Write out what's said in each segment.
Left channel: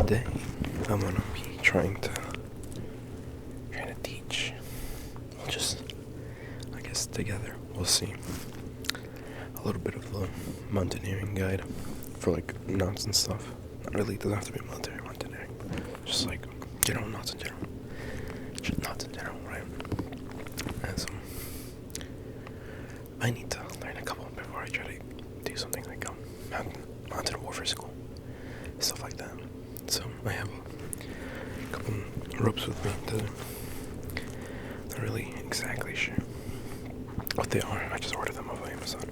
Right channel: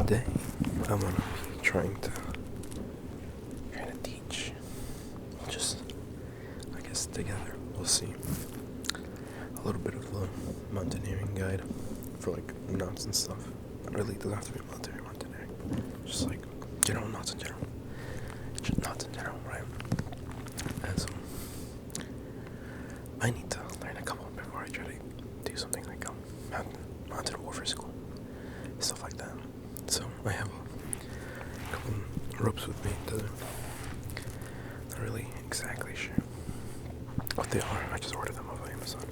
Today I'm gonna be trying to teach. We'll just, I guess, together we'll see a little bit of the mountaineering guide for like knots and stuff. Not really, it doesn't have to be mountaineering, but just like general knots in general. Just knots in general, right? And so I need to learn a couple before I try to do something like mountain warfare school, stuff like that. So I have a couple ropes with me that I'm not really exactly sure what they are. I just ordered them off of Amazon.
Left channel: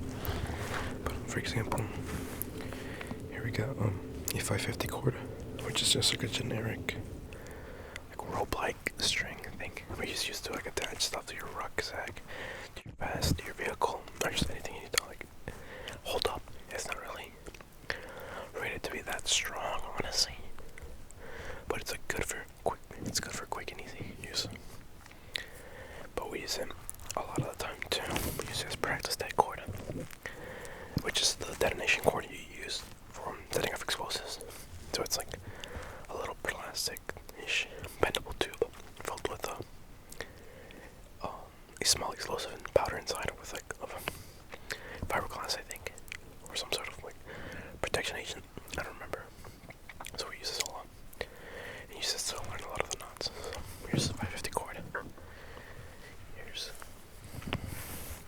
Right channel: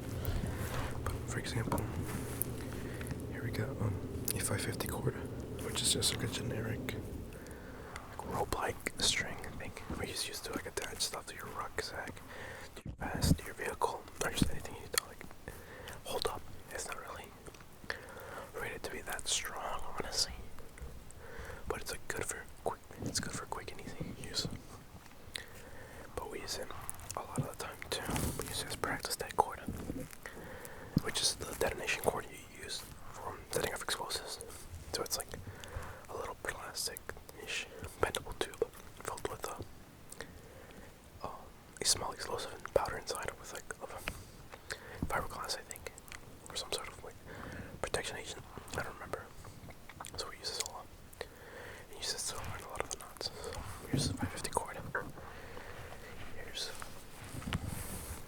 But for example, here we got a 550 cord, which is just like a generic like rope-like string thing where you just used to like attach stuff to your rucksack, to your vest, to your vehicle, or just anything you need to like hold up. It's not really rated to be that strong, honestly, but it's like good for quick. It's good for quick and easy use. But we use it a lot of the time too. We use it as practice dead cord, which is the detonation cord you use for setting off explosives. So it's like a little plastic-ish bendable tube filled with a small explosive and powder inside with like of fiberglass, I think, or some sort of like protection agent. I don't remember. So we use this a lot. And use this to learn a lot of the knots. So here's the 550 cord. Here's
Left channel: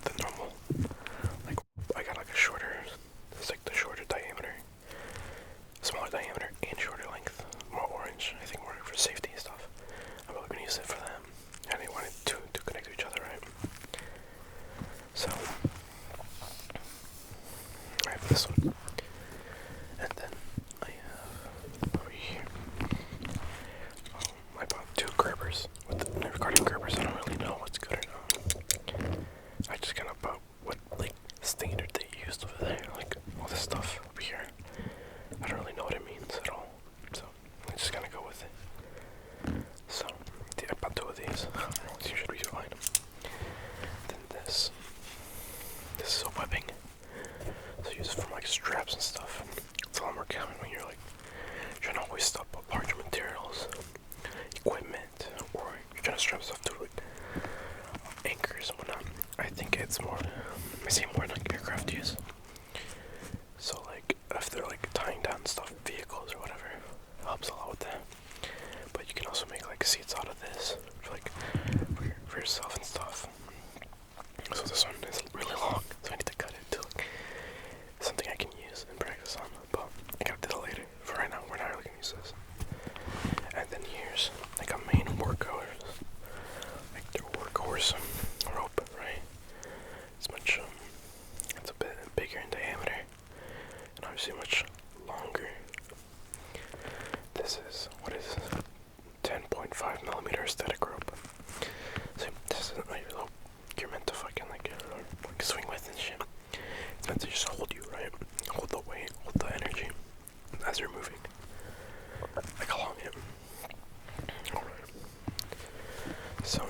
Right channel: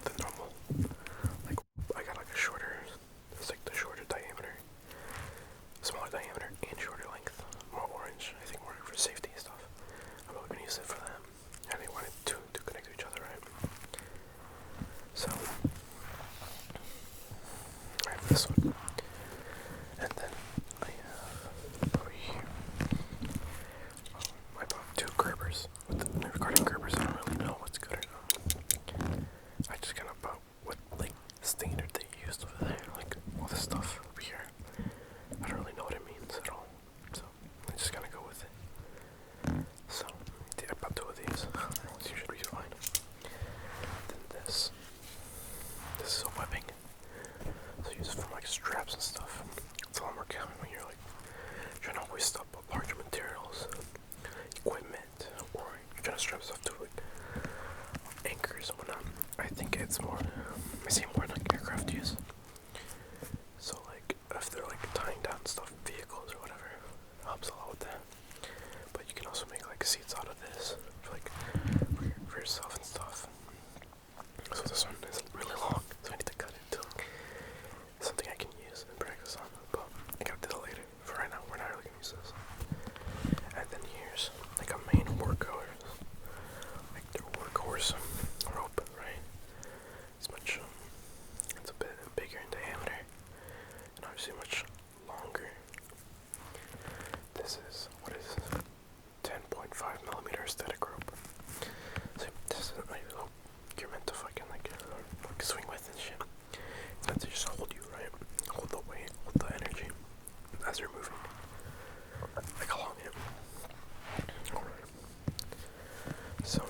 the normal, like I got like a shorter, it's like the shorter diameter, smaller diameter and shorter length, more orange, I think more for safety and stuff. I'm probably gonna use it for them. And they wanted to connect to each other, right? So I have this one. And then I have over here, I bought two Gerbers. Regarding Gerbers, I don't really know what's good or not. I just kind of bought what like standard they used over there, like all this stuff over here. I don't really know what it means at all, so I just kind of go with it. So I bought two of these. You should be fine. Then this is a webbing. So use it for like straps and stuff. It's a lot more common when you're like trying to hoist up larger materials, equipment, or you're trying to strap stuff to like anchors and whatnot. I think it's more, I see more in like aircraft use. So like if they're like tying down stuff, vehicles or whatever, it helps a lot with that. But you can also make like seats out of this, for like for yourself and stuff. So this one is really long, so I need to cut it to like something I can use and practice on. But I gotta do that later. For right now, we're not really gonna use this. And then here's like a main workhorse, like their workhorse rope, right? It's much, it's a bit bigger in diameter, and obviously much longer. This is, what is this? 10.5 millimeter static rope. So this is like rope you're meant to fucking like swing with and shit. It's meant to just hold you, right? Hold the weight, hold the energy as you're moving, like along it. Alright. So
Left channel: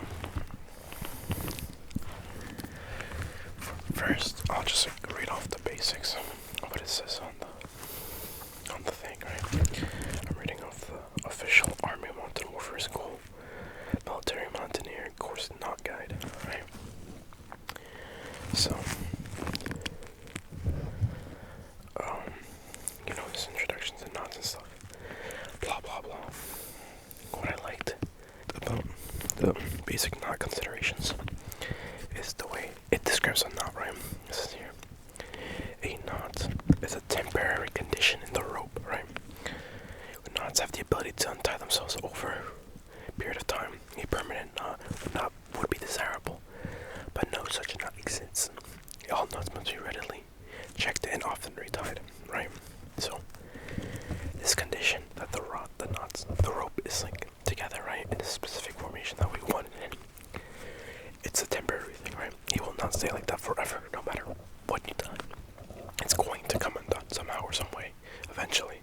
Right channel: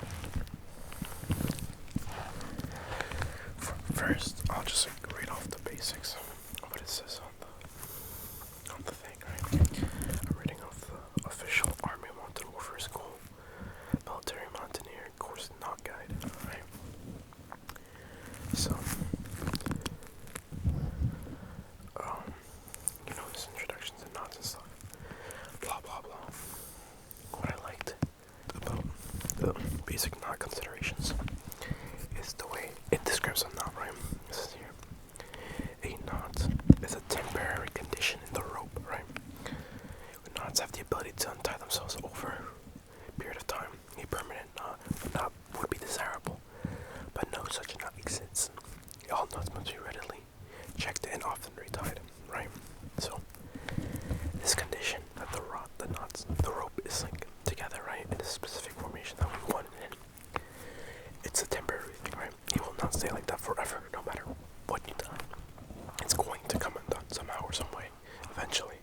first, I'll just like read off the basics of what it says on the thing, right? I'm reading off the official Army Mountain Warfare School Military Mountaineer Course Knot Guide, right? So, you know, this introduction to knots and stuff, blah blah blah. What I liked about the basic knot considerations is the way it describes a knot, right? This is here. A knot is a temporary condition in the rope, right? Knots have the ability to untie themselves over a period of time. A permanent knot would be desirable, but no such knot exists. All knots must be readily checked and often retied, right? So this condition that the rope is like together, right, in a specific formation that we want it in, it's a temporary thing, right? It will not stay like that forever, no matter what you've done. It's going to come undone somehow or some way, eventually.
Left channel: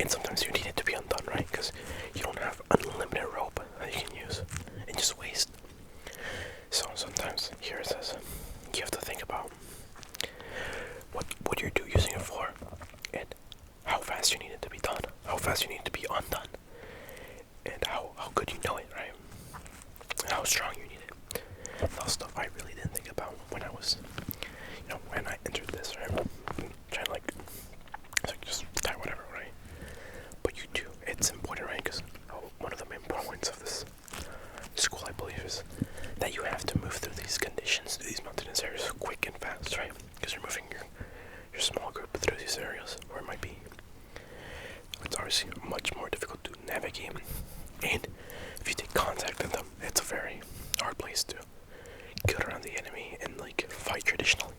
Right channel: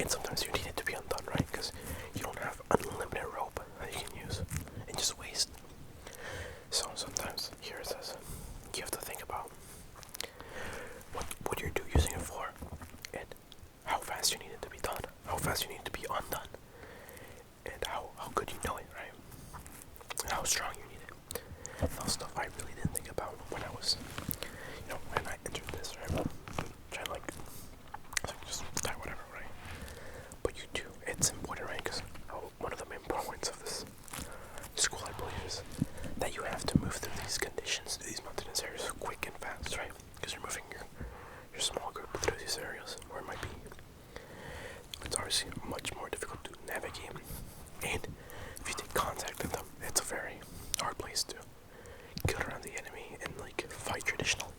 And sometimes you need it to be undone, right? Because you don't have unlimited rope that you can use and just waste. So sometimes, here it says, you have to think about what you're using it for and how fast you need it to be done. How fast fast you need to be undone, and how good you know it, right? And how strong you need it. That stuff I really didn't think about when I was, when I entered this, right? Trying to like just type whatever, right? But you do, it's important, right? Because one of the main points of this school, I believe, is that you have to move through these conditions, through these mountainous areas, quick and fast, right? Because you're moving your small group through these areas, or it might be. It's obviously much more difficult to navigate, and if you take contact with them, it's a very hard place to get around the enemy and like fight traditionally.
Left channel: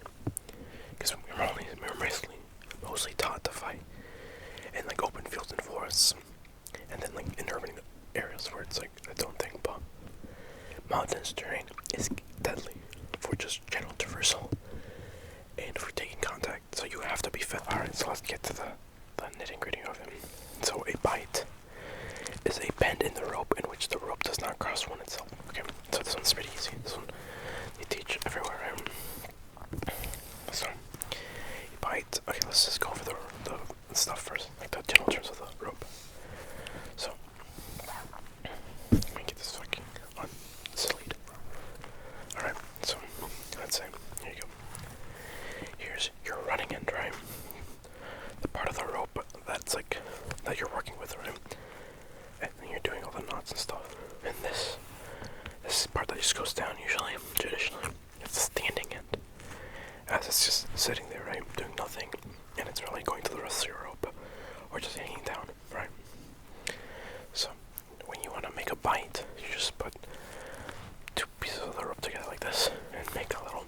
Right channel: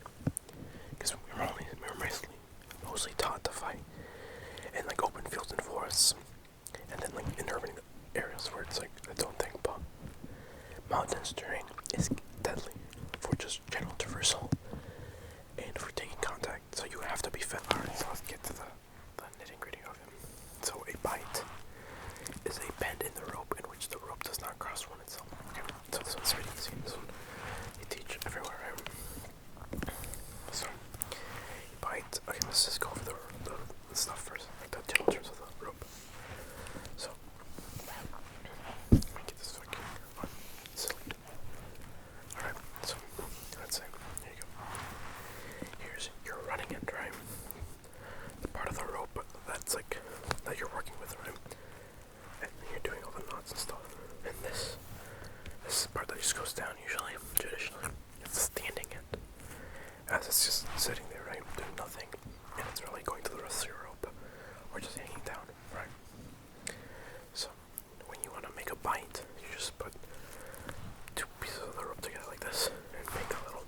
Because we're mostly taught to fight in like open fields and forests, and then like in urban areas where it's like its own thing. But mountainous terrain is deadly for just general traversal and for taking contact. So you have to be fit. Alright, so let's get to the nitty gritty of it. So a bite is a bend in the rope in which the rope does not cross one itself. Okay, so this one's pretty easy. This one they teach everywhere, right? So a bite. Okay, let's just go over the stuff first, like the general terms of the rope. So let me get this fucking on slate. Alright, so let's say here you go. Here's your running end, right? The part of the rope that's like that you're working with, right? And then you're doing all the knots and stuff. And this part that just goes down usually, traditionally, it's the standing end. As it's just sitting there, right, doing nothing, and it's really going to the rest of your rope, or just hanging down, right? So when you want to make a bite, you just put two pieces of the rope together like this, and make a little,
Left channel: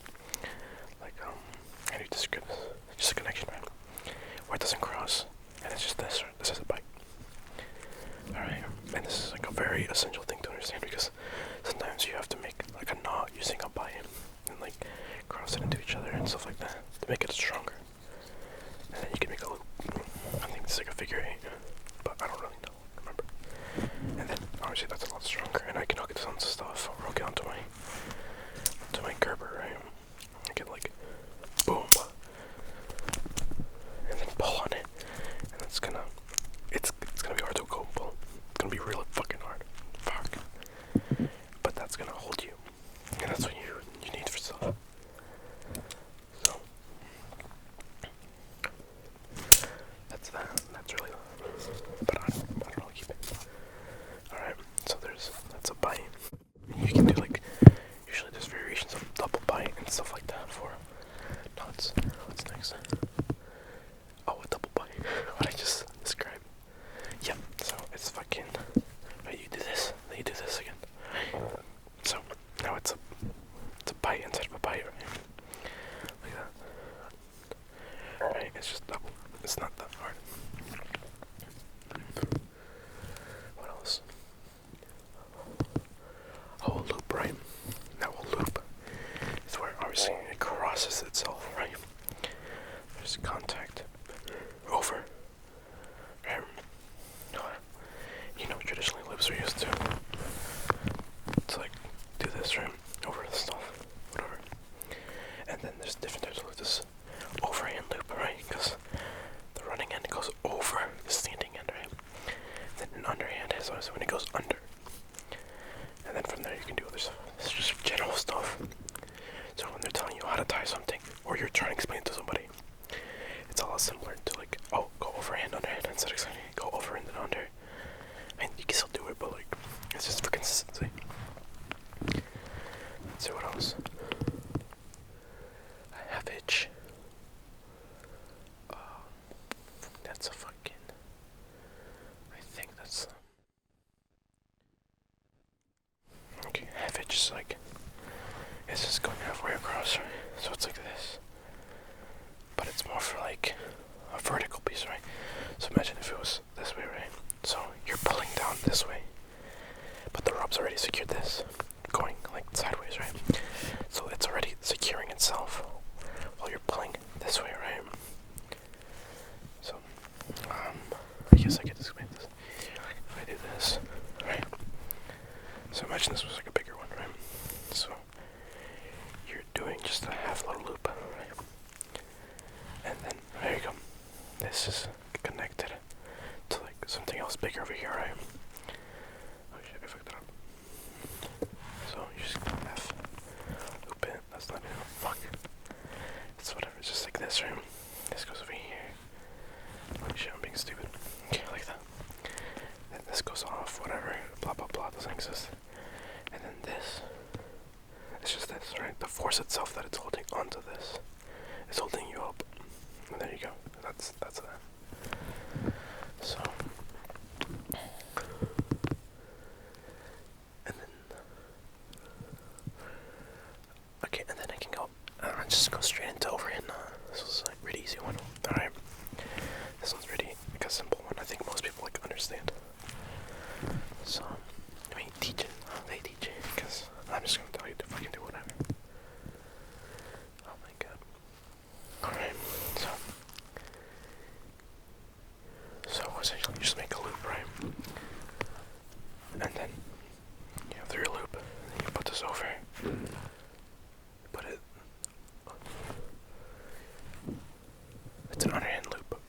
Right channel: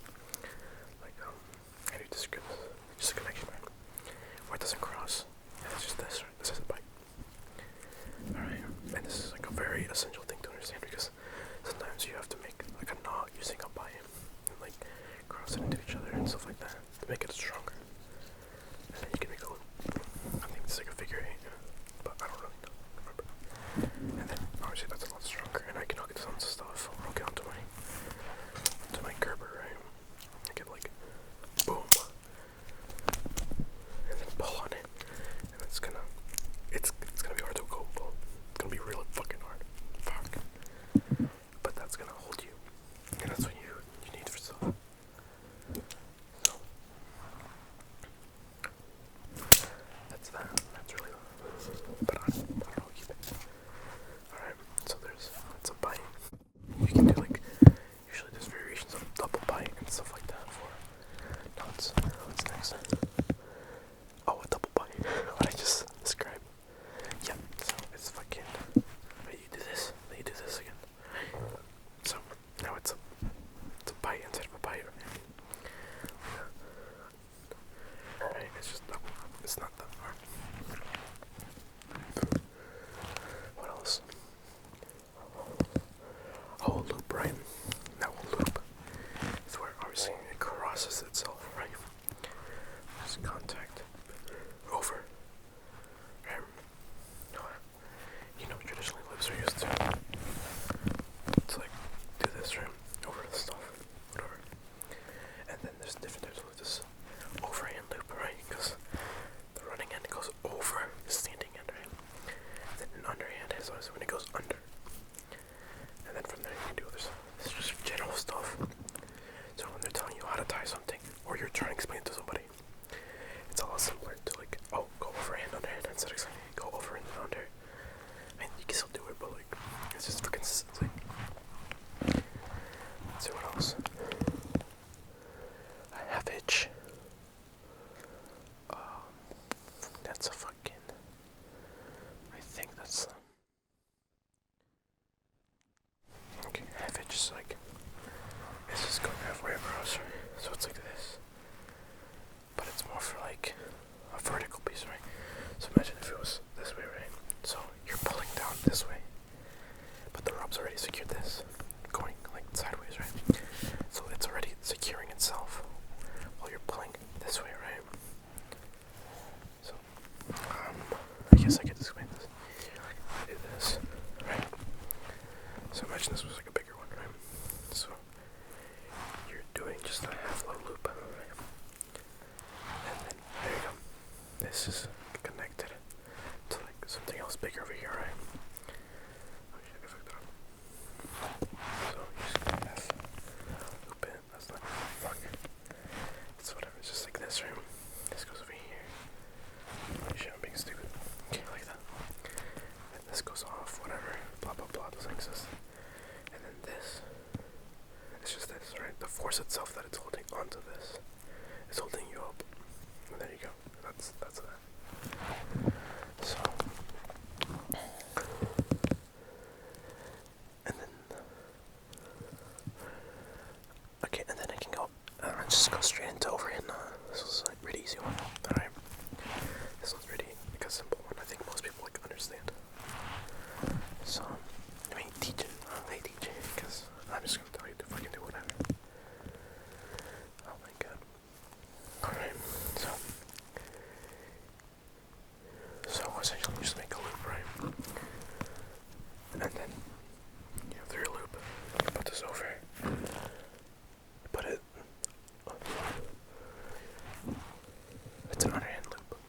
like how do you describe this? Just a connection, right? Where it doesn't cross, and it's just this, right? This is a bite. Alright, and this is like a very essential thing to understand, because sometimes you have to make like a knot using a bite, and like cross it into each other and stuff like that to make it stronger. And then you can make a loop. I think it's like a figure 8, but I don't really remember. And then obviously that's a lot stronger, and I can hook it to stuff, or hook it onto my Gerber, right? I can like boom, and then pull on it, and it's gonna be hard to go pull. It's gonna be really fucking hard. Fuck. But that's gonna hold you, and that's what you need for stuff. So that's that. That's really. But I don't really keep it. All right. So that's a bite. You can do like usually there's variations of double bite and stuff like that for knots. What's next? Oh, a double bite. What I just described. Yeah. So it's fucking. Right, you do this, then you do this again. So now it's a bite instead of a bite, right? Like that. Right? It's just double. It's not that hard. What else? Oh, a loop, right? Now a loop is where obviously it crosses itself, right? There's contact over. Right? Traditionally loops are used to like do this, right? Over the stuff, whatever. And then there's different types of this overhand loop, right? Because the running end goes over the standing end, right? Then an underhand is also when it goes under. And then from there you can do other stuff. This is just general stuff. So when they're telling you how to tie something, or you're trying to explain it to somebody, it's a lot simpler to like, oh, go overhand, underhand, instead of saying go over and then under. I mean, you can still do it, but like, it's just for consistency. Let's see what else. A half hitch. That's a fucking. I think that's. Okay, half hitch is like. It's just going halfway across, right? So it's like this. But it's more for like a vertical piece, right? So imagine if it was this way, right? So you're pulling down this way, but the rope's already secured this, going like sideways, right? So it's already securing itself while you're pulling this way, right? So, I guess I could explain this. If I do this, right? So imagine this was like a bigger one, right? So you're doing just a half little loop, right? And then there you go. This is connected to like something else bigger over here, right? Oh shit, I fucked it up. So you just F, loop it. That's not it. Fuck. It's whatever. It's just like this, right? This goes over here. Oh shit, I'm being stupid. Okay, like that. Then this goes off. Whatever. Blah blah blah. Doesn't exist. And then this. It's just this, right? The force itself that it's holding onto this is holding you up. And there you go. That's that. So, and then, okay, and then I can go, just go straight into overhand. This was a really easy one. Alright, this one's really like a simple one. I think most people like understand. So, I mean, teach it. They teach it, because I'm just gonna tell you to fucking do whatever. Oh my god. Alright, so essentially you just make a loop, right? And then you have your loop, and you put this over. You put it. It's an underhand loop.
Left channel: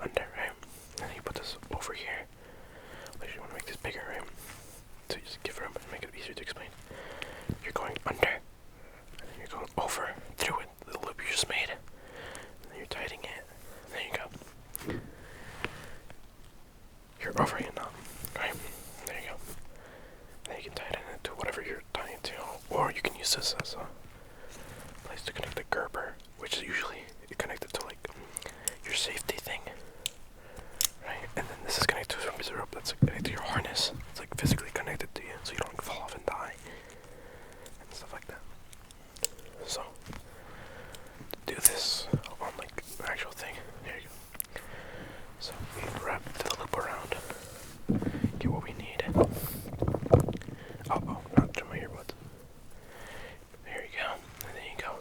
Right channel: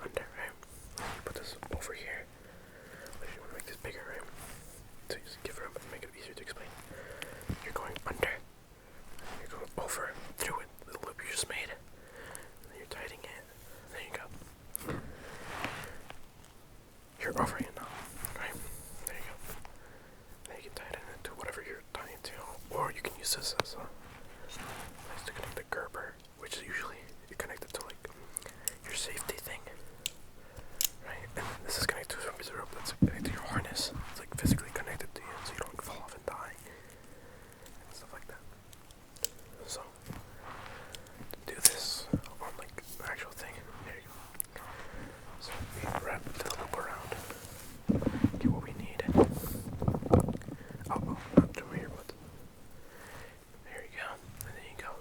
Under, right? And then you put this over here. You want to make this bigger, right? So you just give room and make it easier to explain. You're going under, and then you're going over through it, the loop you just made. And then you're tightening it. And there you go. You're over it now, right? There you go. Then you can tighten it to whatever you're tying to, or you can use this as a place to connect the Gerber, which is usually connected to like your safety thing, right? And then this is connected to a rope that's connected to your harness. It's like physically connected to you, so you don't fall off and die and stuff like that. So to do this on like the actual thing, here you go. So we wrap the loop around, get what we need. Oh, not through my earbuds. There you go, and then you go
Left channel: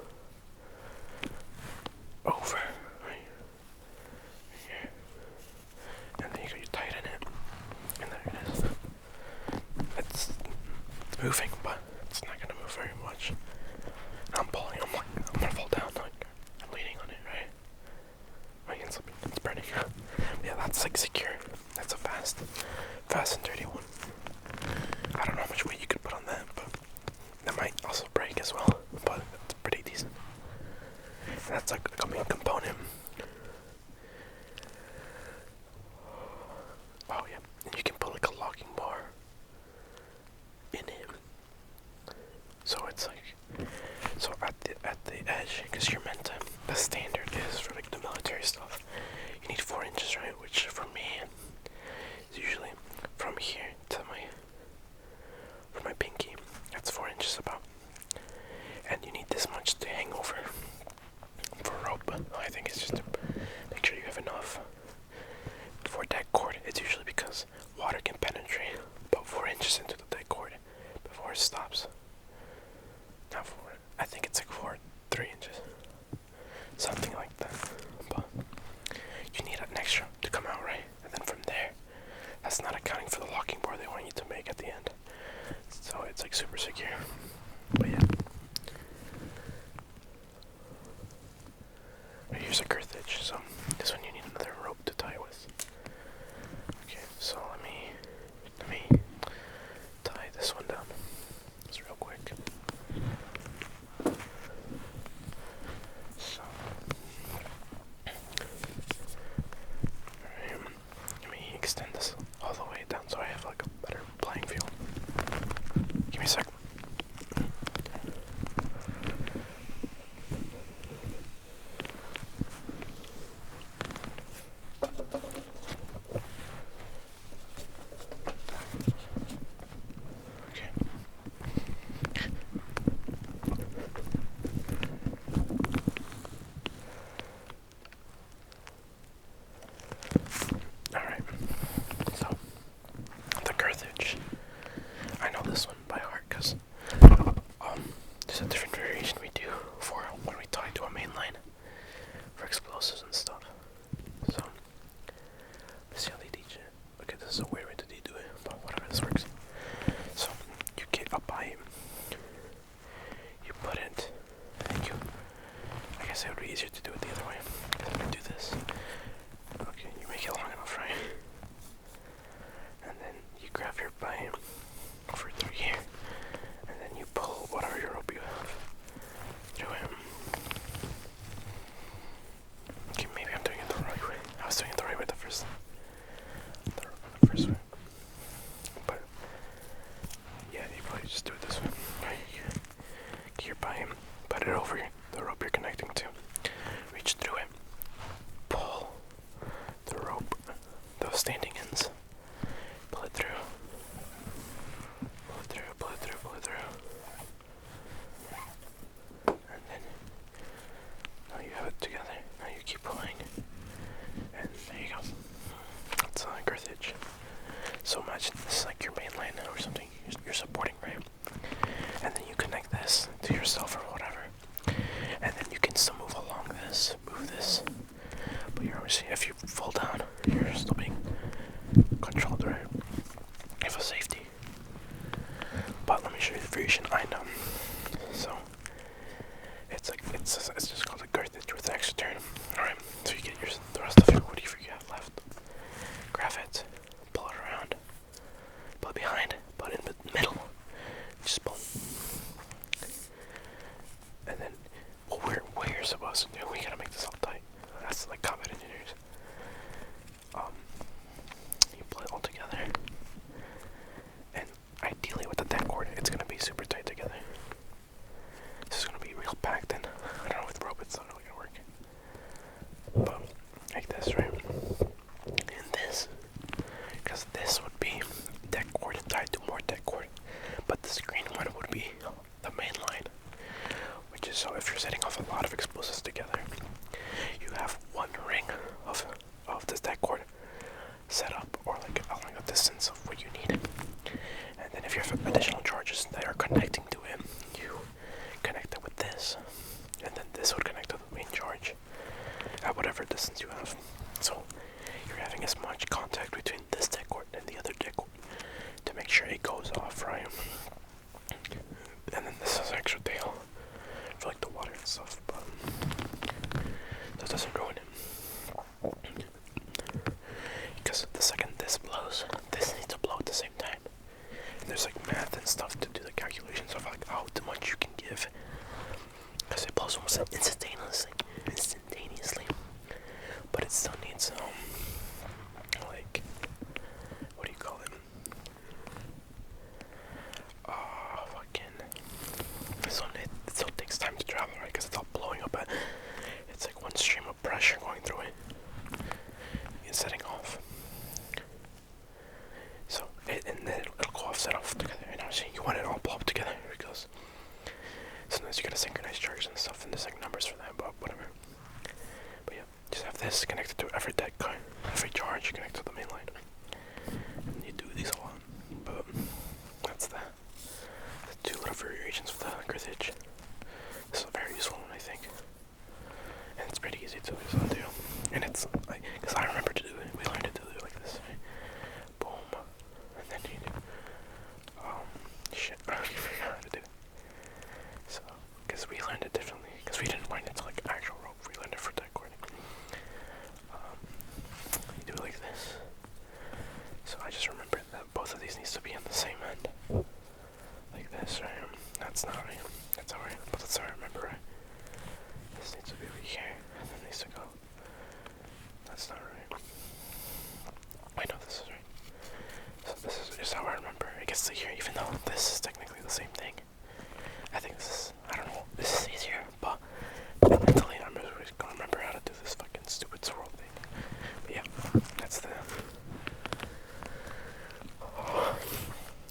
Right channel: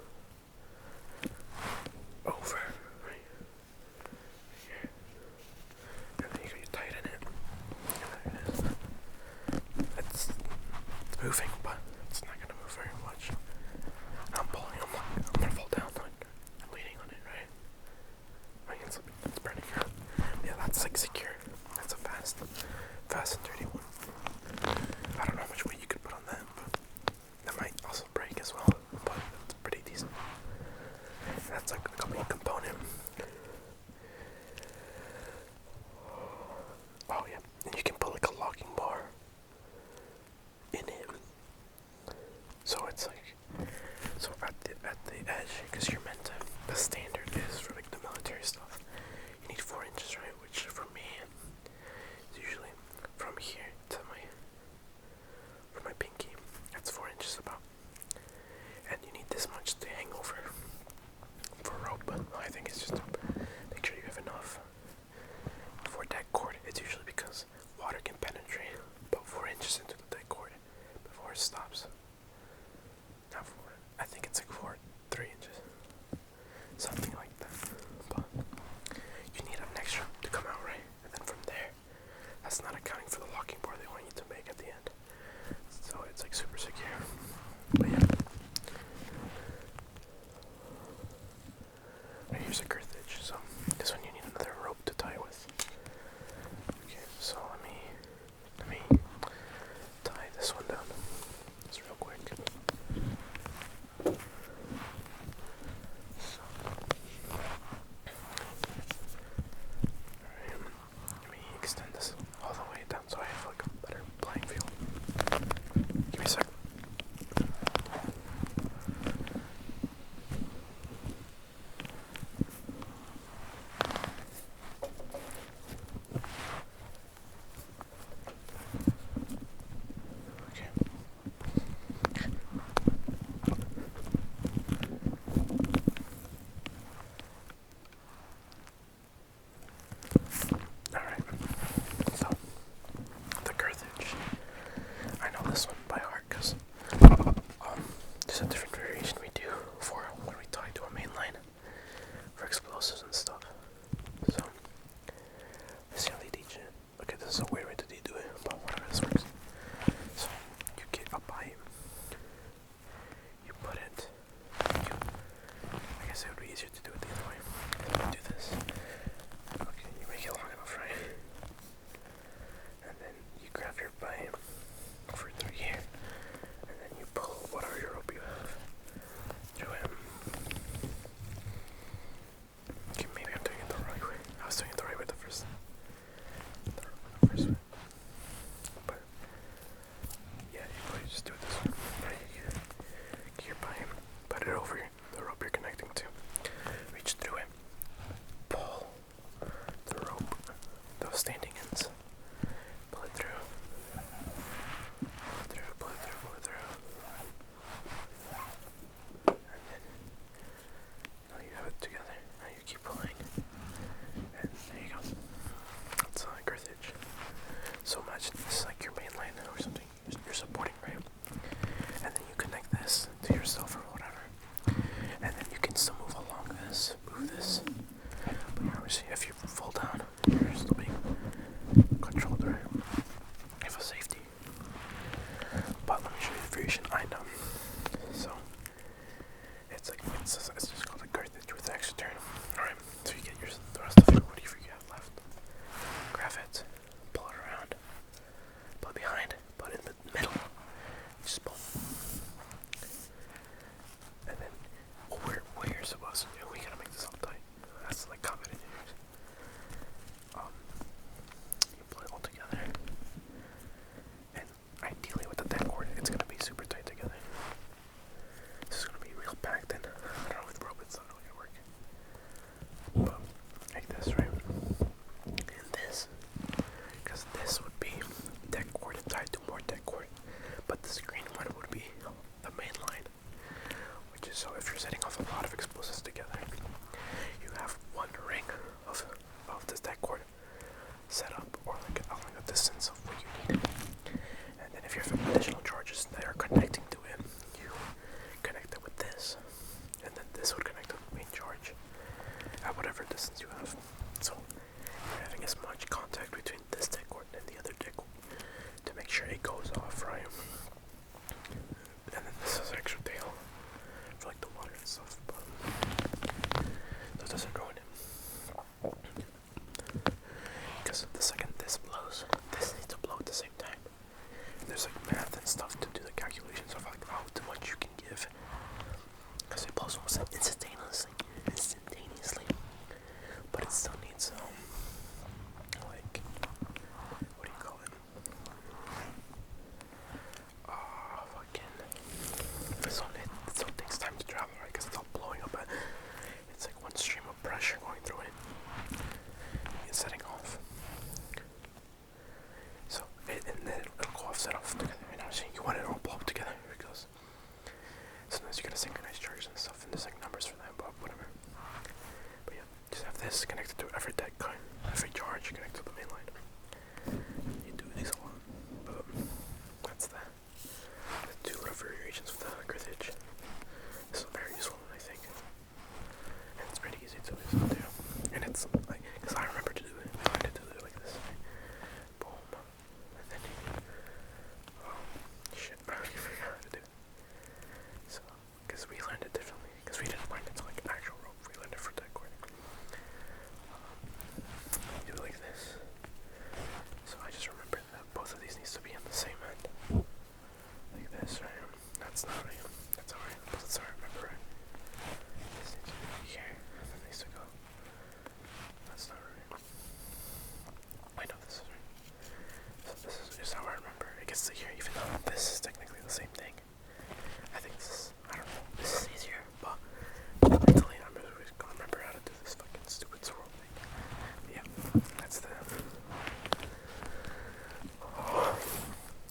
over, right here, and then you tighten it, and there it is. It's moving, but it's not gonna move very much. I'm pulling, I'm gonna fall down, like, I'm leaning on it, right? My hand's slipping, it's burning. But yeah, that's like secure. That's a fast and dirty one. I don't know how much weight you could put on that, but that might also break as well, but it's pretty decent. And that's like a main component. Oh yeah, and you can put like a locking bar in it. So it's like, so at the edge, because you're meant to, the standard is for like the military stuff, you need 4 inches, right? Which for me is usually from here to my pinky. That's 4 inches about. And you need this much to hang over for rope. I think it's just to make sure you have enough. For deck cord, it's usually because water can penetrate about 4 inches into the deck cord before it stops. Not 4, I think it's like 3 inches. Something like that. But you need an extra to come out, right? And then from there, that's not accounting for the locking bar they want you to make at the end. So it's like super secure. But yeah. Here's a girth hitch, so this one you need another rope to tie with. Okay, so let me tie this one down. This rope. was doing it the right way the first way. But yeah, you probably just do it this way. Right, get your buy him, put it over the rope you're connecting to. Reach through it. Pull the rope, those standing ends. Pull it through. Pull it through, pull it through, pull it through. And then now you have it together. Now you keep pulling. And there you go. That's girth hitch. So imagine this is like your main line or something you're supporting, right? And then you connect this to yourself or whatever. And then you can still move along this, move this. But you're obviously, if you fall down, you're still being controlled, right? You have a safety. But let me show you the variation I know. So it's just called a girth hitch with an extra turn. Alright, so you get the rest of your whatever you have left. Grab it, pull it around, pull it behind, pull it in the middle, just pull. And then what we're supposed to do, we gotta make this all tight. That's like combat engineers. You pull it all together. And ideally with the deck cord, it's gonna be super tight together. This is gonna be real packed in. I don't know, with rope it's not really gonna work. But like this, right? And this, because this would be deck cord tied to more deck cord. But this green one would be the main line. Which is so if you're setting off a lot of explosives together, you have one ring of this deck cord set up, or like along a distance of what you need. And then if you have additional charges that are connecting to it, you connect it with this. And then this would connect to the main charge at whatever distance you have. So you're having as much contact between this deck cord and the other deck cord to make sure it goes off, right? And then this is extra tail for like the water and stuff, but that doesn't ruin it. Because the second this blows, this needs to blow at the same time. And there's like math and stuff to do the calculations of like how much you can give. Because it blows almost instantaneously. But it still needs like, what do you call it? It still takes time to travel, right? Because it's all blowing up, but it's like one stream of pressure going through it and setting off. So, and then it'll go off, set off together. And obviously, you want it all blow up together because sometimes you gotta synchronize charges and stuff, and there's like numbers for that, but whatever. But yeah, just have this connected to every deck, every charge connected to the main line. And you do these a lot, but that's the two little variations of the girth hitch. This is a very useful one, I think. And it's pretty easy to use on too. And it's like, because I remember to do it, we learned it to do it like this, right? Boom. And then you do, shit, I already forgot how to do it. So, because we learned it differently, because we didn't learn it to like actual rope, we learned it for deck cording. You do it like this. So I just remembered that both of these needs to be on the same end. Like this, right? That's not right. That's alright, but that's how I remember, right? This needs to be over here, and then needs to go. That's not right. I know this is right. So this is just how I remember. It gets to here, even though this is technically the same thing. I think this is, I don't know, this is easier, but mentally I'm always gonna remember how to do this fucking stupid swirl thing. But yeah, that's the...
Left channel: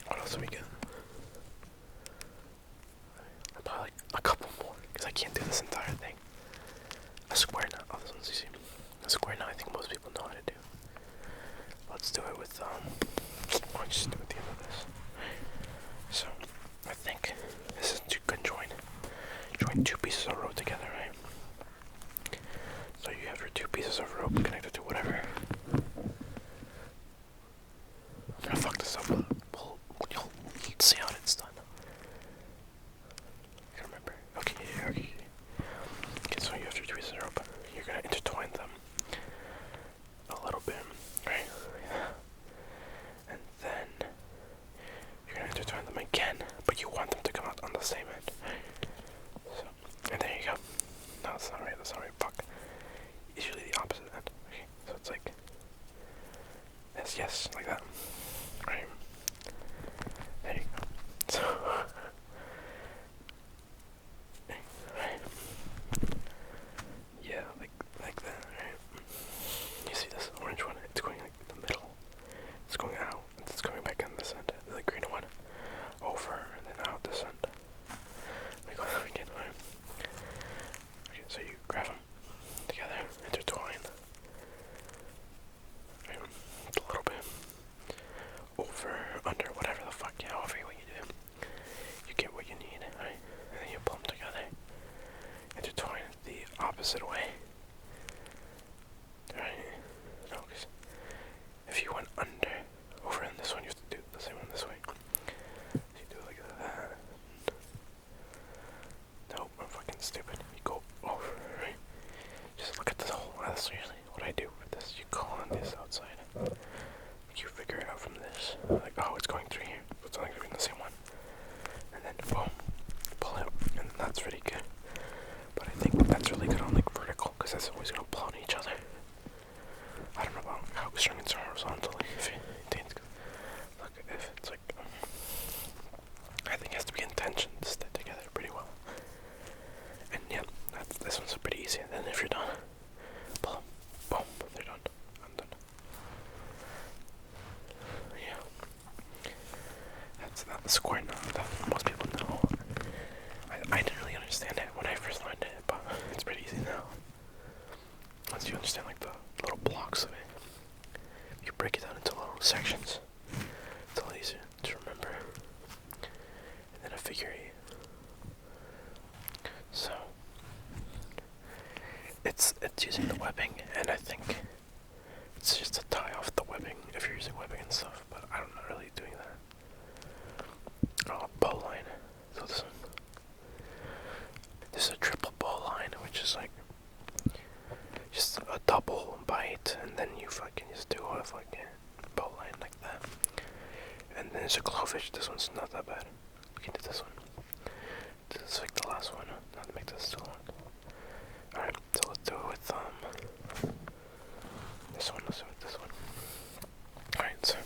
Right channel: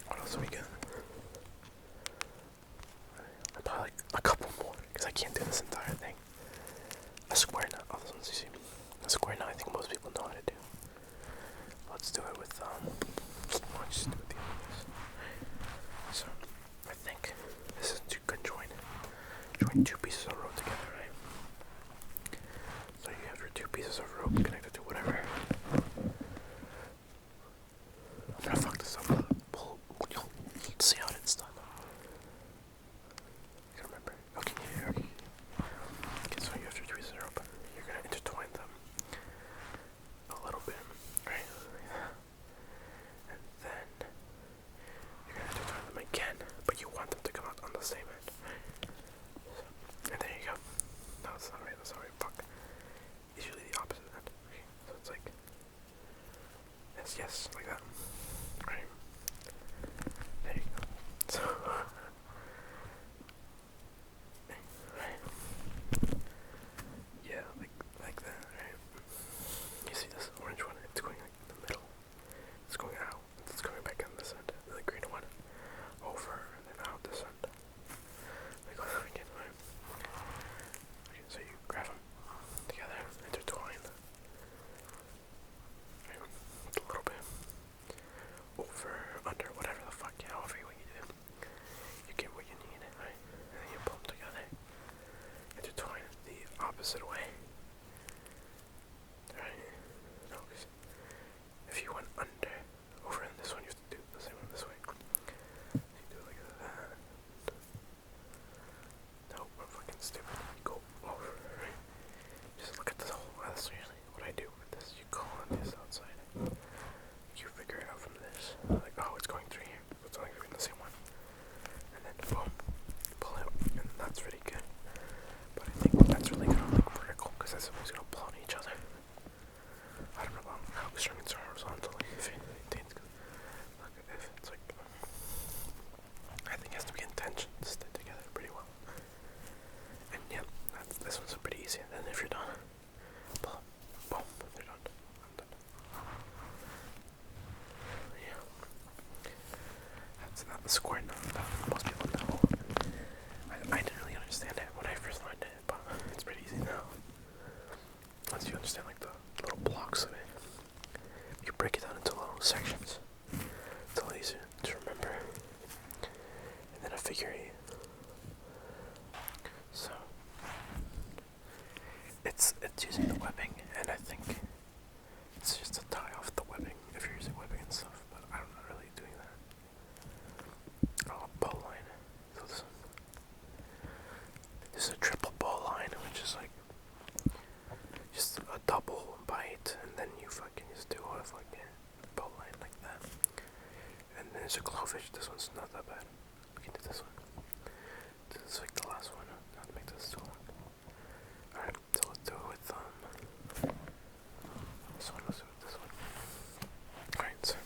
What else do we get? Probably like a couple more, because I can't do this entire thing. A square knot. Oh, this one's easy. A square knot, I think most people know how to do. Let's do it with, why don't you just do it at the end of this? So, I think this is to join two pieces of rope together, right? So you have your two pieces of rope connected to whatever. I'm gonna fuck this up. You'll see how it's done. I can't remember. Okay. Okay, so you have your two pieces of rope. You're gonna intertwine them a little bit, right? And then you're gonna intertwine them again, but you want them to come out on the same end. So, and there you go. it's always gonna pull on each other. I don't know about how string it's horizontally. Look, if it's like, I think it has to be in tension to stay together pretty well. And yeah, this one's pretty easy. And then if you're done, pull them, boom, they're done. I'm done. Yeah, that's not the square knot that most people know. I didn't really understand it when I first learned it, but it's pretty easy now. Once you understand like the little blocks of it, you break it down into little sections. It's a lot easier to remember. And then a figure eight. So it's using the webbing, and I think it's just to tie off the webbing if you're using webbing and stuff. But I'm not really doing that. Oh, bow line. So this is a triple bow line, which is like just a double bite, and then you fucking just do a fucking bow line like that. And then there's a glowfish. This one's not that bad. We can do this one. This is like the last one. Not to make this too long. Alright, so let's do it with this one. Let's do it with this one. Alright, so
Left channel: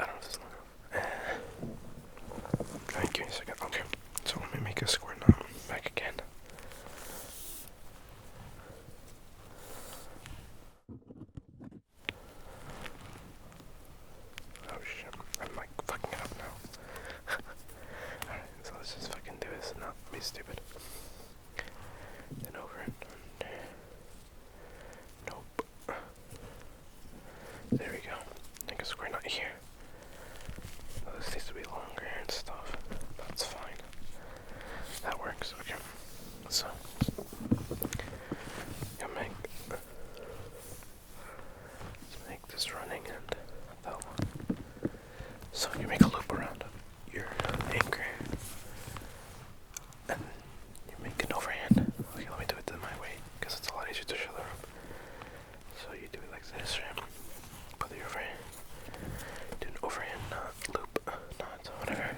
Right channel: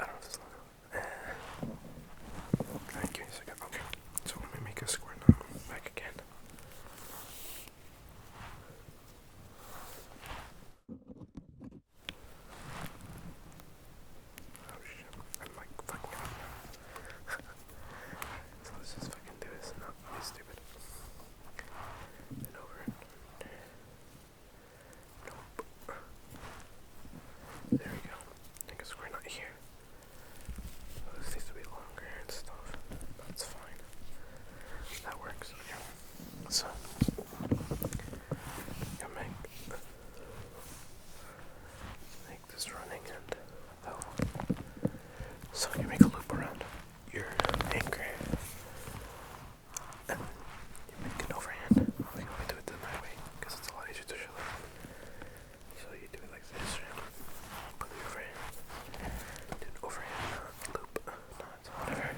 I don't know if this is long enough. Alright, give me a second. Okay, so let me make a square knot back again. Oh shit, I'm like fucking it up now. Alright, so let's just fucking do this and not be stupid. Then over and under. Nope. There we go. Make a square knot here. Well, this needs to be longer and stuff. That's fine. That works. Okay. So you make this running and that one. So you make a loop around your anchor, and you make an overhand. Okay, let me do it my way, because it's a lot easier to show the rope. So you do it like this, right? Put the overhand, do an overhand knot, loop, knot, whatever.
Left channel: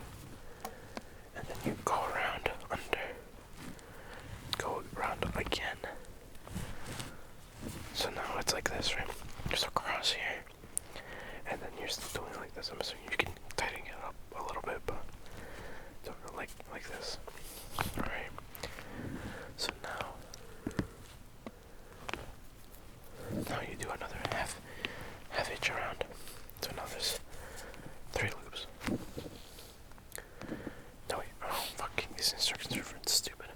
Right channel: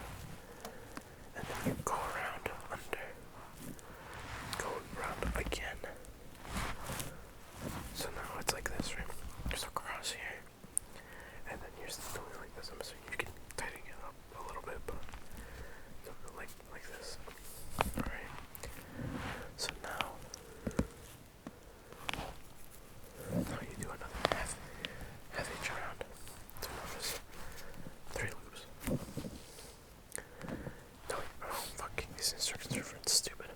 And then you go around under, go around again. So now it's like this, right? Just across here. And then you're still doing it like this. I'm assuming you can tighten it up a little bit, but like this. Alright. So now you do another half hitch around. So now there's 3 loops. No wait, oh fucking these instructions are stupid.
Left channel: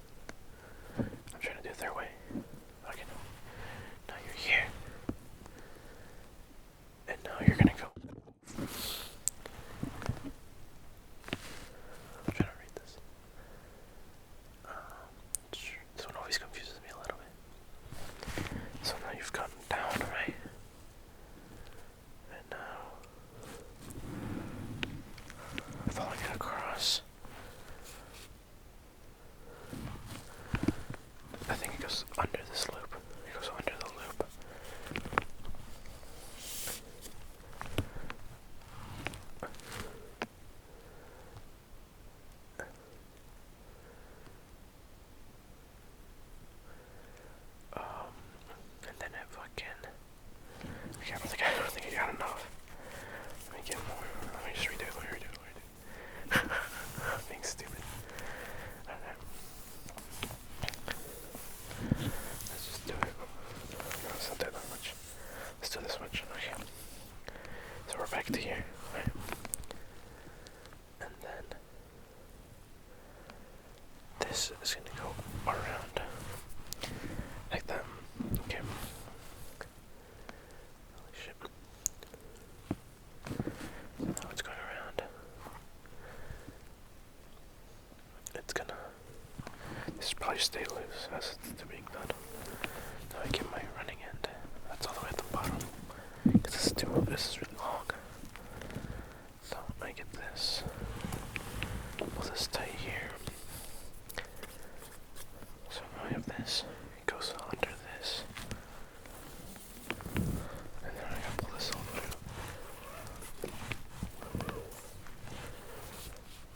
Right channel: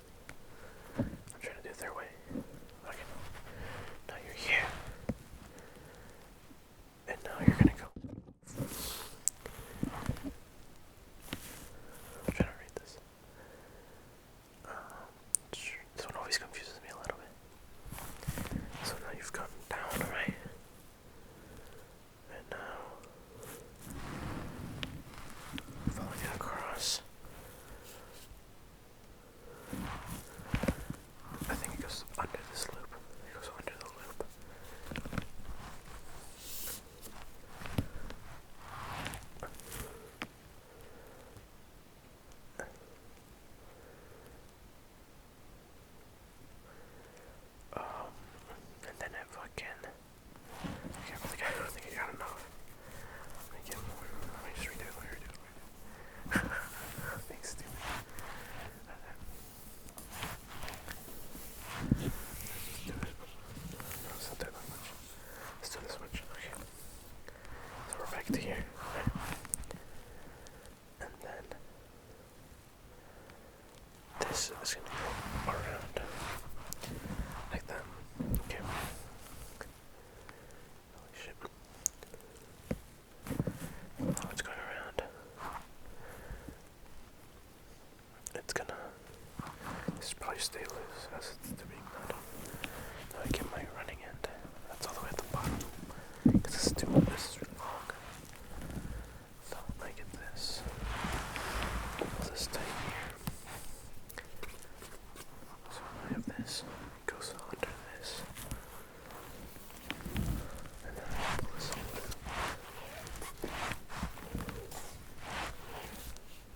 I'm trying to do it their way. Okay, no. Now you're here. And now you're gonna go. I'm trying to read this. This one always confuses me a little bit. So now you've gone down, right? And now following it across. I think it goes under this loop. It goes under the loop. And then it fucking. Okay, I don't think I got enough. Let me get more. Let me just redo it. Being stupid. Alright. Let's just do it. No, it's not that much. Let's do this much. Okay. So we're back to here. Right. And then this is gonna go around like that. Okay. Holy shit. Now it's going around. It's gonna. This should probably stay loose as it's being done. Now I get my running end. That's all the way at the bottom. Because this is really long. So I get this. Pull this tight here. So now I have this. It goes under this. And then I can pull this all the way up.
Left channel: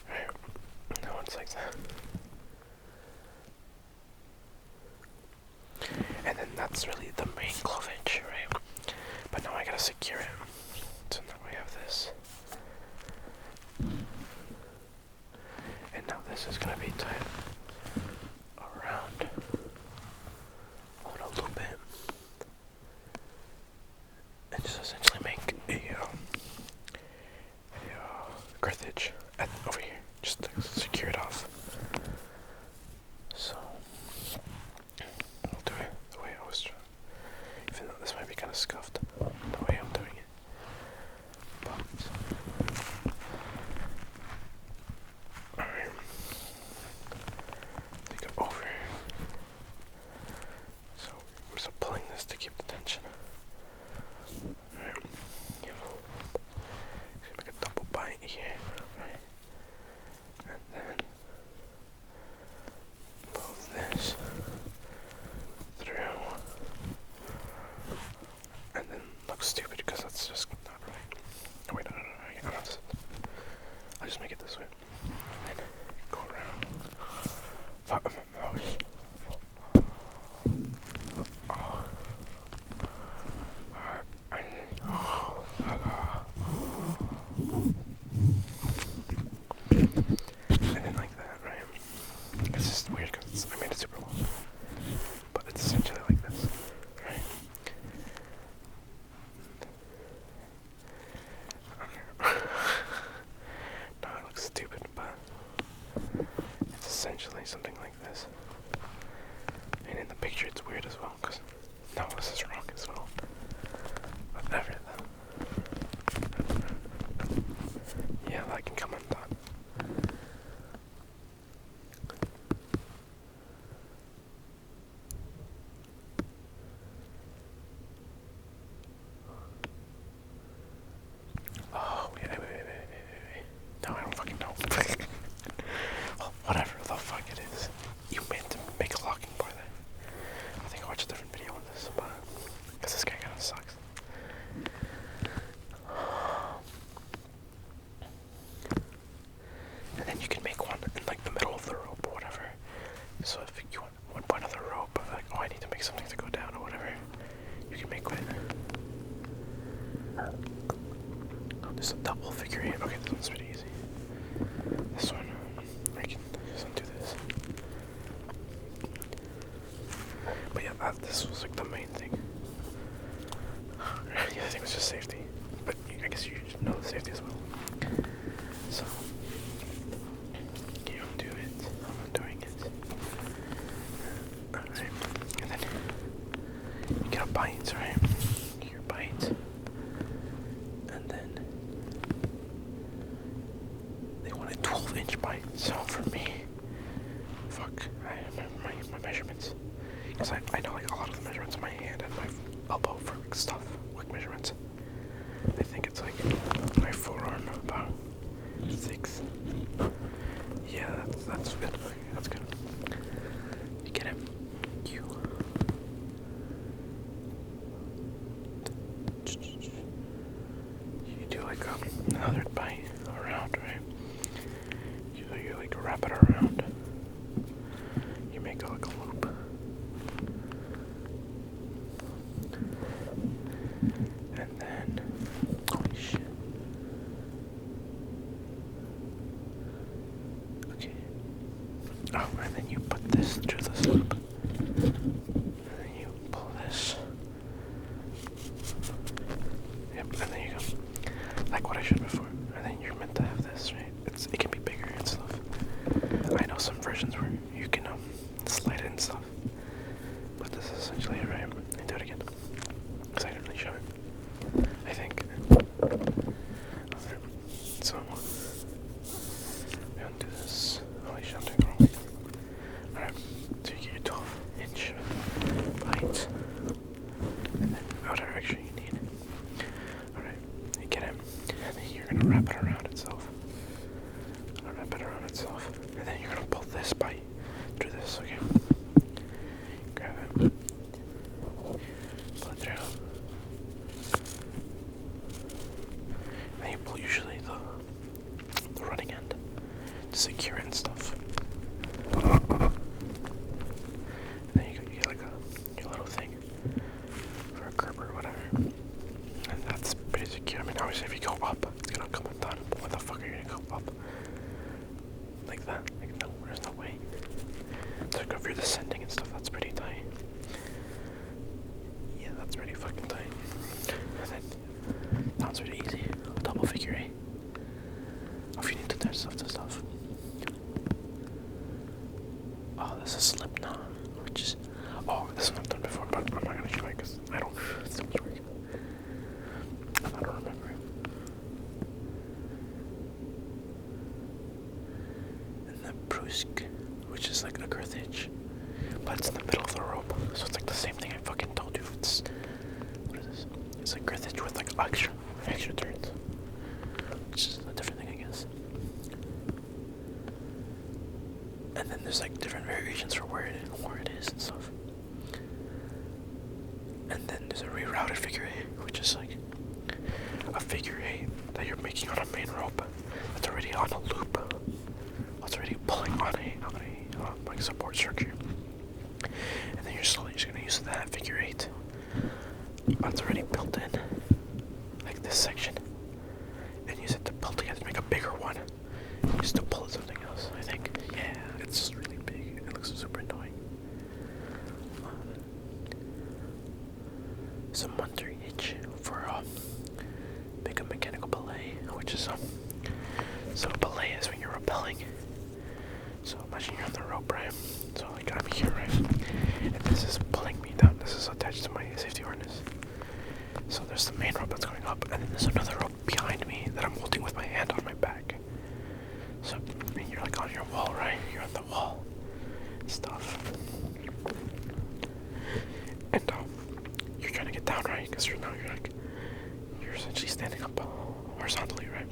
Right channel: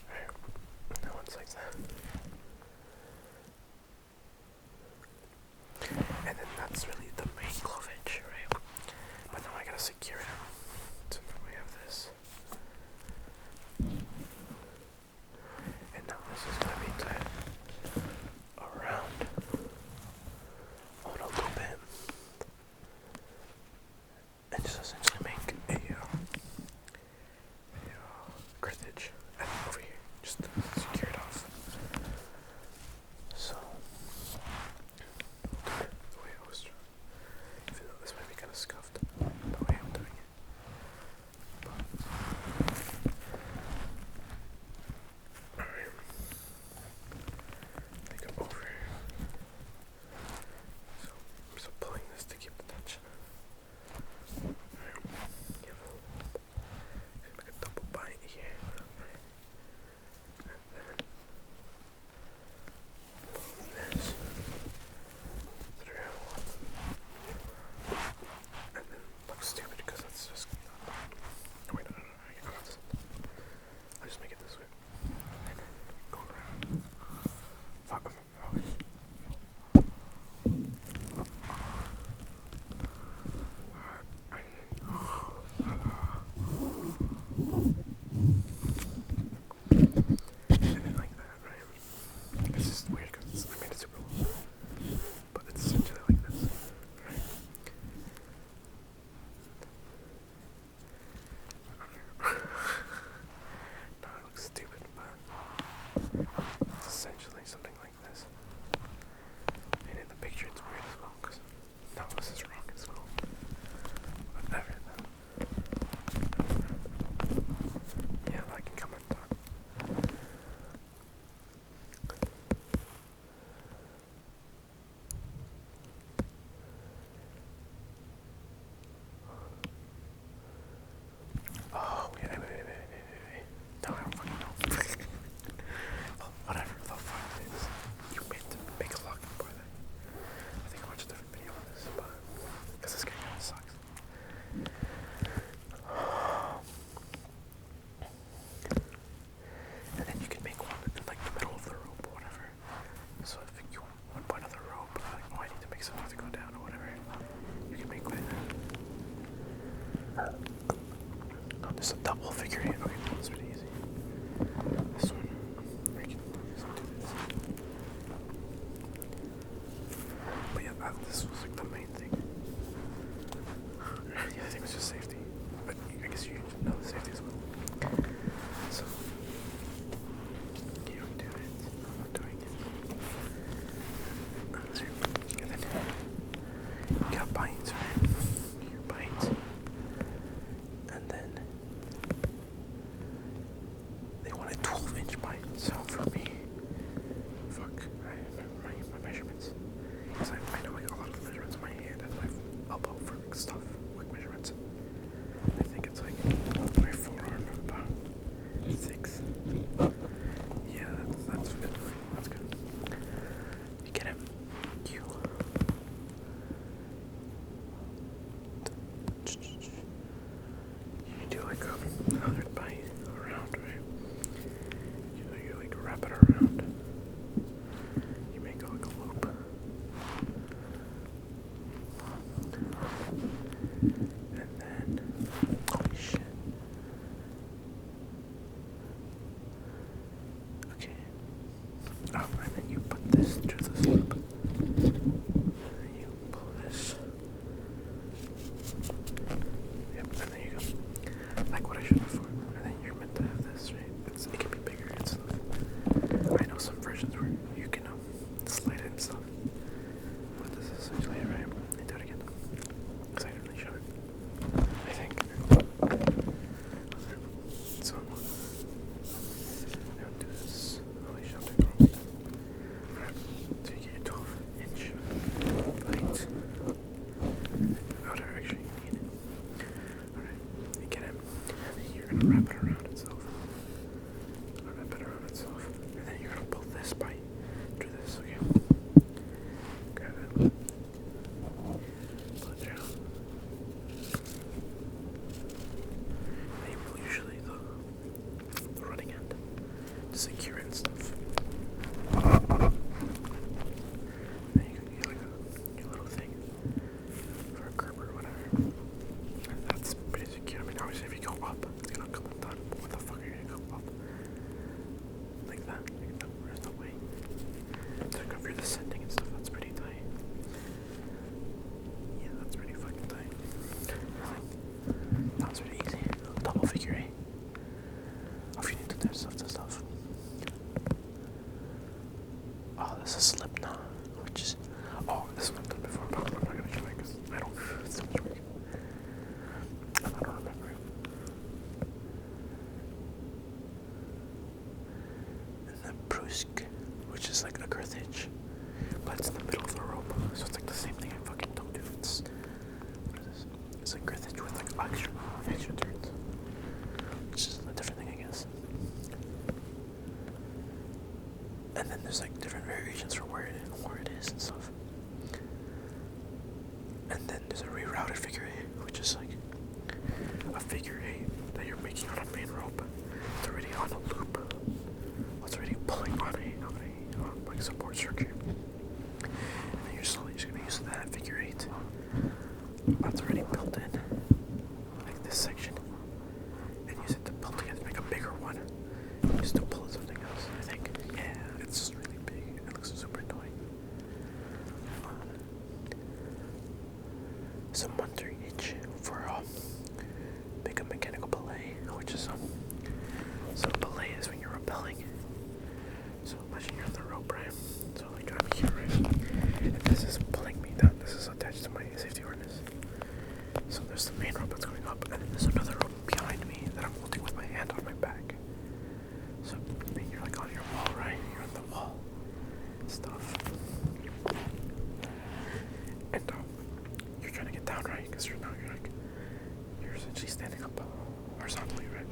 Right. Now it's like that. just essentially make a girth hitch over here, just to secure it off. So I'll do it the way I was trying, even though this might be kind of scuffed, the way I'm doing it. But alright, they go over. So I'm just pulling this to keep the tension. Alright, make a double bind here, right? And then pull this through, and then look stupid because that's just not right. Oh wait, no, I'll just make it this way, and then go around. Fuck my mouse. And then like that, right? It's just weird because I made it super long, but it's essentially like this, right? No, it looks stupid, but it's essentially something like this. And in the picture it's weird as well, because no, this is wrong as well. Whatever though. Yeah, that can come undone. Oh, wait. No, I don't fucking know. Well, whatever the fuck it is. You meant to make a locking bar there. I think I watched a different video on this, but because this guy kind of sucks. And then you can make one in like the middle of the rope or whatever. So if you want one point of the rope, like, oh, I need to make something to go down or whatever, you can make one. Oh, there's a double figure eight. Okay, this one's pretty easy. This one, I can just undo this. But yeah, this was like the main thing. The other thing was just safety. But I guess you should know the safety as well. So, you undo it. I'm undoing it. Alright. And then you get a bite, right? Get your bite. And then they want a 12-inch bite. So for me, fuck, I remember my measurements. Because I know like a lot of the measurements in my hand and my elbow for stuff, quick measurements. I think it's like my forearm about 6. Yeah, that's good. That's good. You get him. You do like another bite around, right? You like wrap it around. You make like a loop. And then, holy shit. Okay. Oh, and then you put this through this loop. And then you pull this. Yep, and then you go. Like what I showed before. And then you're meant to have this, right? It can be bigger and stuff. I know some versions where you can slide it and stuff. But this is essentially it, right? Let me do it again. Because I didn't really show it. I think. So, we undo this. Holy shit, I'm doing the wrong way. Alright, so you get your 12-inch bite. And then whatever extra you need. Alright, you get him. And then you're gonna wrap it around itself. Wrap it around itself. And then you're gonna pull this bite through this, okay? Grab it. Pull it through. And you pull usually the running end to secure it and stuff. And then you get like your little thing for a grip or whatever. And that's pretty secure. I mean, obviously if you go up, it's gonna come undone. But what the fuck are you gonna go up? Like that? Like, no, there's no way. So if you're descending and stuff, that's pretty tight. Yeah, that's pretty fucking tight. And then girth hitch, but it's in the middle of the rope. So it's like the same thing I fucking told you. It's what is this? It's a girth hitch with like extra turns, which is a different thing, I guess. And then there's like different variations for where it is and stuff. And then there's a rerouted figure eight, which is like a figure eight that you're making on a main rope that's already on a loop. It's already pulling on a like support structure. And then you're slowly just gonna use that figure eight that's already built in, like this section, and use it to pull together to make a bigger one. Use it to pull something else, I think. Yeah, it's really big. It looks super annoying. Some Munter hitch for make a mechanical belay, which is so belay is when you're rappelling. So imagine you're on the rope, right? So like I'm here, right? And this is pulling me down. This is attached to my safety harness. So there's the main rope that's going up, and then there's another rope behind me that I'm holding with my hand on my back. So and you're like on your wall, right? You're on the wall and stuff. And you're trying to get down, right? Because you're essentially standing up horizontally, right?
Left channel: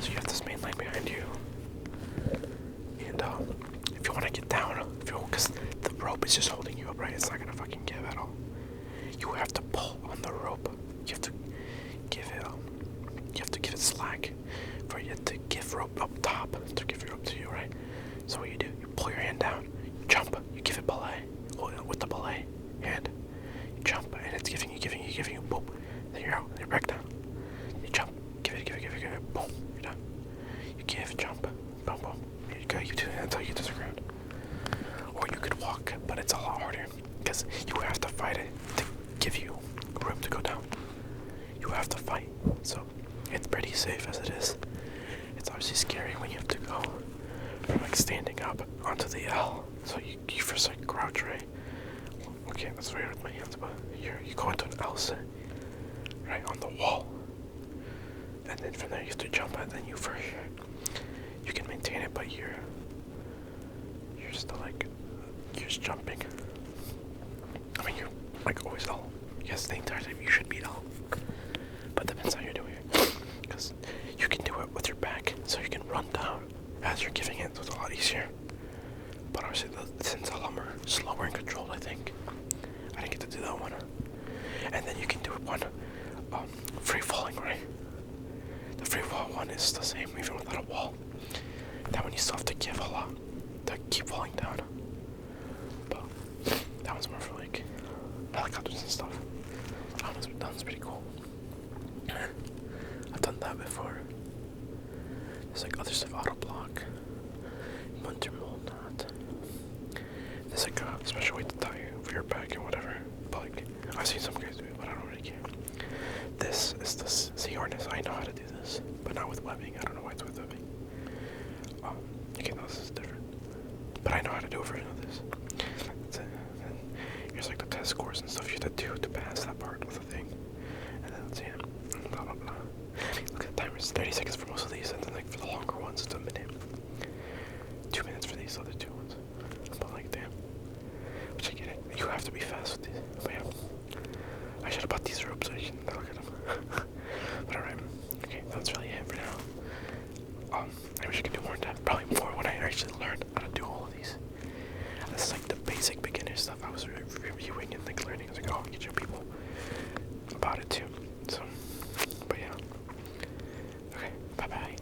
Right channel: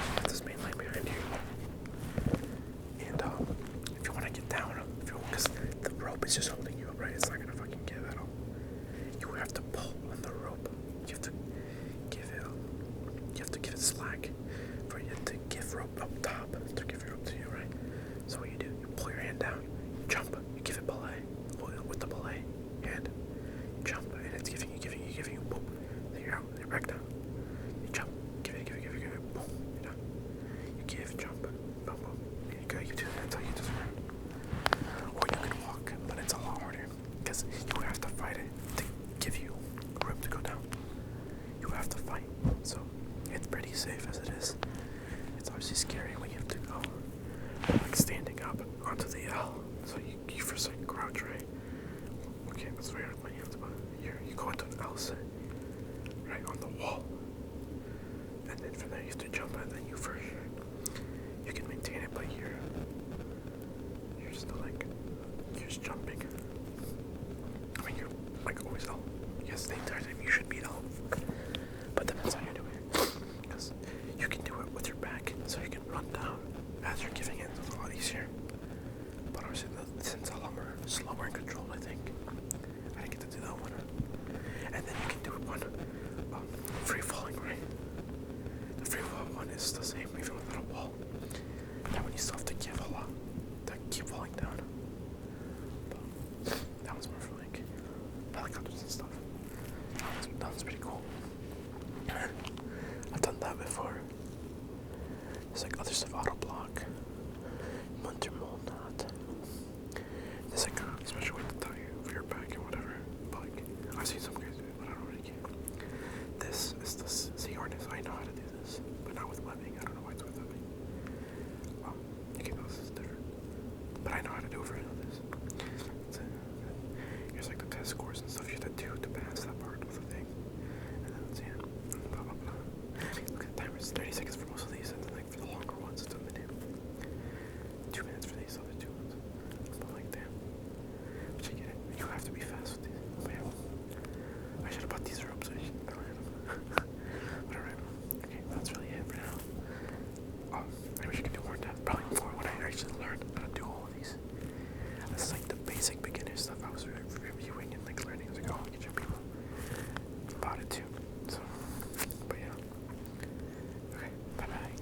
So you have this main line behind you. And if you want to get down, because the rope is just holding you up, right? It's not gonna fucking give at all. You have to pull on the rope. You have to give it slack for you to give rope up top to give your rope to you, right? So what you do, you pull your hand down, you jump, you give it belay, with the belay hand, you jump, and it's giving you, boom. Then you're out, then you're back down. You jump, give it, boom, you're done. You give, jump, boom, boom. You go, you do it until you get to the ground. Or you could walk, but it's a lot harder because you have to fight it to give you room to go down. You have to fight, so it's pretty safe as it is. It's obviously scary when you have to go from like standing up onto the L. So you first like crouch, right? Okay, that's weird with my hands, but you go into an L sit, right on the wall, and then from there you have to jump, and then you can maintain it, but you're still like you're just jumping. I mean, you're like always L. Yes, the entire time you should be L, but depends how you're doing it, because you can do it with your back, so you can run down as you're giving it, so it's a lot easier. But obviously, since a lot more slower and controlled, I think. I didn't get to do that one. And then you can do one free falling, right? The free fall one is the same, even without a wall. That one you still have to give a lot to keep falling down. But that one's more for like helicopters and stuff. That one's pretty cool. I've done that before. There's like other stuff, auto block, Munter mold knot. There's like a special way to tie for your back and whatever. But like I've seen some guys do it, but I don't really care. This is the C harness. I know how to do this, but not with webbing. I don't know why it's with webbing. Okay, this is different, but I know how to do a version of this. That's it. And here's like the test scores and stuff you have to do to pass that part of the thing. And then let's see, blah blah blah. Look at the timer. It's 30 seconds for most of these, and then like for the longer ones, it's a minute. 2 minutes for these other two ones. But like, damn. Which I get it. You have to be fast with these. But yeah. I should have bought these ropes so you can look at them. But alright. Okay, that's really it for now. I wish I could do more in depth. Probably more when I actually learned how to do all of these. That's like the basic beginner stuff I was reviewing and like learning. I was like, oh, I can show people about it too. So, but yeah. Okay, bye bye.